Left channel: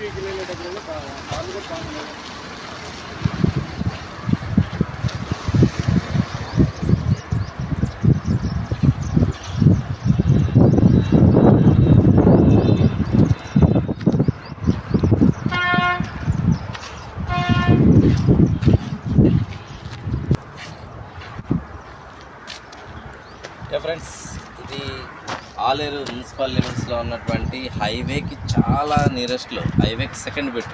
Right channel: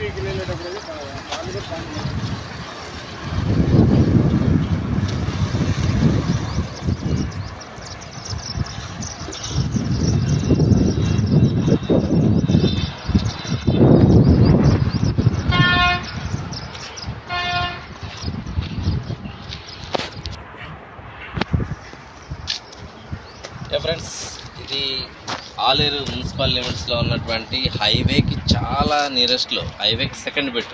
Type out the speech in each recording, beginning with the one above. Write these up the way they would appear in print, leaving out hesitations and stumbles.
Vehicle వెళ్ళేటప్పుడు కాళ్ళు కూడా బాగుంది. ఫ్రెండ్స్, ఇది ఆలేరు మున్సిపల్ లిమిట్స్లో ఉన్నటువంటి హైవేకి చాలా నియరెస్ట్లో, హైవేకి సెకండ్ బిట్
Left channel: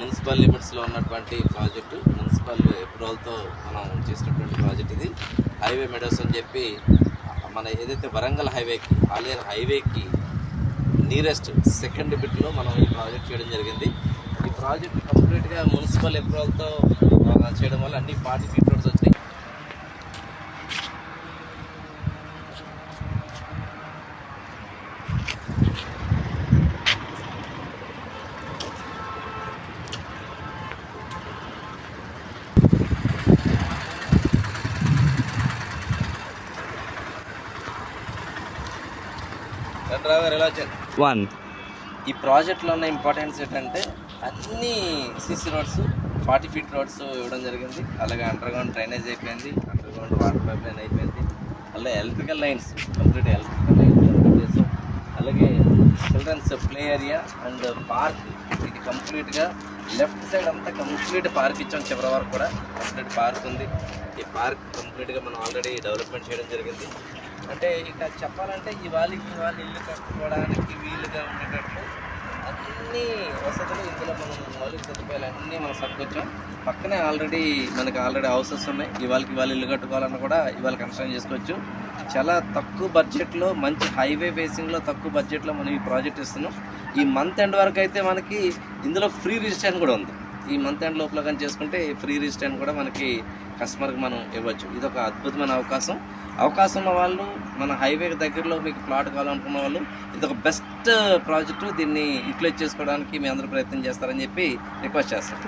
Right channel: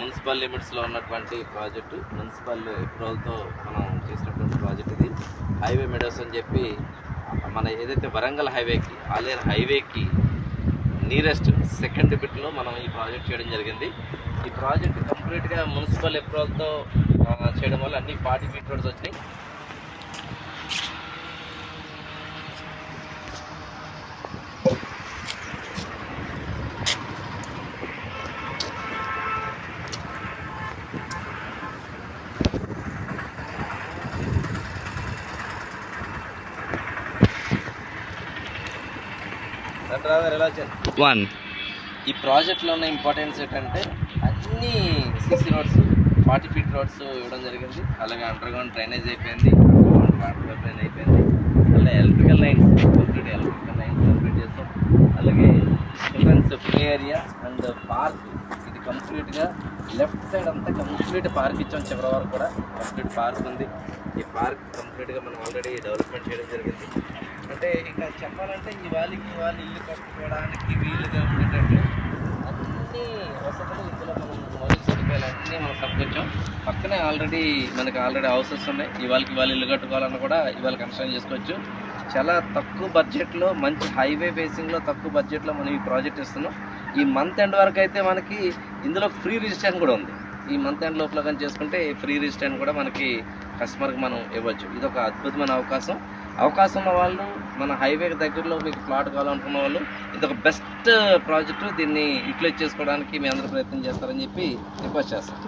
మున్సిపల్ లిమిట్స్లో ఉన్నటువంటి ప్రాజెక్టు. మున్సిపల్ అప్రూవల్తో మనం చేసినటువంటి ప్రాజెక్ట్ ఇది. హైవే మెడోస్ అని చెప్పి మన ఏదైతే వరంగల్ హైవేకి, ఆలేరు హైవేకి నియరెస్ట్ సెకండ్ బిట్లో మనం ఈ ప్రాజెక్ట్ చేయడం జరిగింది. ఈ ప్రాజెక్ట్ కంప్లీట్గా మున్సిపల్ అప్రూవల్తో చేయడం వల్ల అన్ని 40 ఫీట్ రోడ్స్ వచ్చినాయి. ఈ ప్రాజెక్ట్లో ఉన్న ఇంపార్టెన్స్ ఏంటంటే అన్ని సీసీ రోడ్స్ 40 ఫీట్ రోడ్స్ ఇవ్వడం జరిగింది. అలాగే అండర్గ్రౌండ్ డ్రైనేజ్ అయిపోయింది, వాటర్ పైప్ లైన్ అయిపోయింది, అలాగే electrical lines complete electrical lines complete చేస్తాం. అలాగే childrens play area and park, ఇది కంప్లీట్గా లెఫ్ట్ సైడ్ అంతా కంప్లీట్ పార్క్ ఇచ్చాం. చివరి వరకు కూడా కంప్లీట్ పార్క్ ఉంది. ఈ పార్క్ కంప్లీట్గా మనం ఆల్రెడీ డెవలప్మెంట్ చేయడం జరిగింది. అంటే ఇక చెప్పాలంటే ఇవాళ ఇల్లు కట్టుకోవడానికి వీలుగా ఉండేటట్లు అన్ని వసతులు ఇందులో మనం మౌలిక సదుపాయాలు అన్నీ మనం సమకూర్చాం. పక్కనే ఆల్రెడీ హౌసెస్ ఉన్నాయి. ఇవాళ ఇల్లు కట్టుకోవాలన్నా కూడా ఇవాళ కన్స్ట్రక్షన్ చేసుకోవచ్చు. చాలా తక్కువ బడ్జెట్లో, మంచి హైవే ఫేసింగ్లో తక్కువ బడ్జెట్లో మనం ఈ ప్రాజెక్ట్ ఇస్తున్నాం. ఈ మంత్ ఎండ్ వరకు అయితే మనకి ఇందులో ఫ్రీ రిజిస్ట్రేషన్ కూడా ఉంది. ఈ మంత్ ఎండ్ లోపల కానీ చేసుకుంటే ఫ్రీ రిజిస్ట్రేషన్ కూడా మనకి కస్టమర్కి మనం ఇవ్వచ్చు. ఇది ఒక అద్భుతమైన అవకాశం ఉన్న వాళ్ళు, మన హైవేకి దగ్గరలో మీకు ప్లాట్ కావాలనుకున్న వాళ్ళు, ఇది ఒక బెస్ట్ ప్రాజెక్టు. దీన్ని యూటిలైజ్ చేసుకోవడానికి మీ అందరూ ప్రయత్నం చేస్తారని చెప్పి రిక్వెస్ట్ చేస్తాం.